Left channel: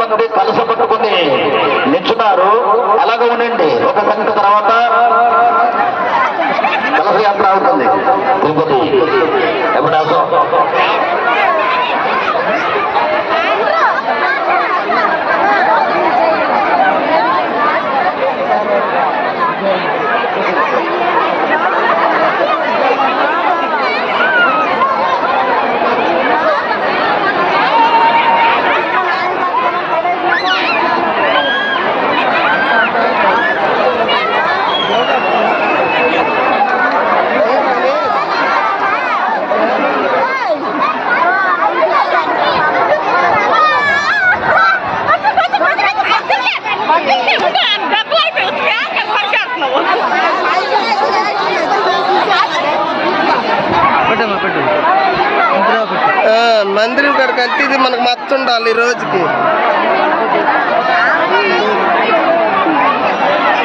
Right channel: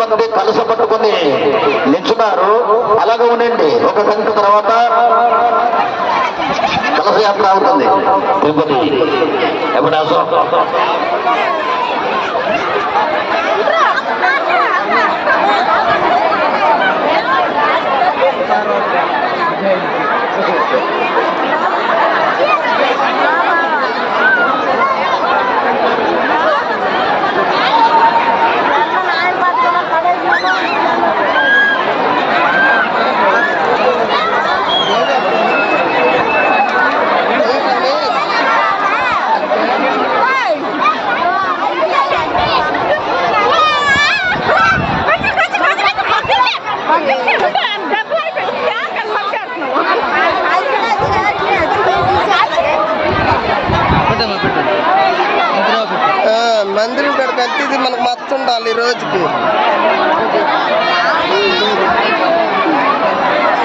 మంది కలస పట్టుకుని నిల్చున్నారు. అలాగే ఉండండి. ఒక గంట తర్వాత కలస యాత్ర ఉంటుంది. తిరుపతి ఎప్పుడాసం మందిరం కాడికి వెళ్తే ఇది మనకు మస్తు ఉండాలి ఈ రోజుకి.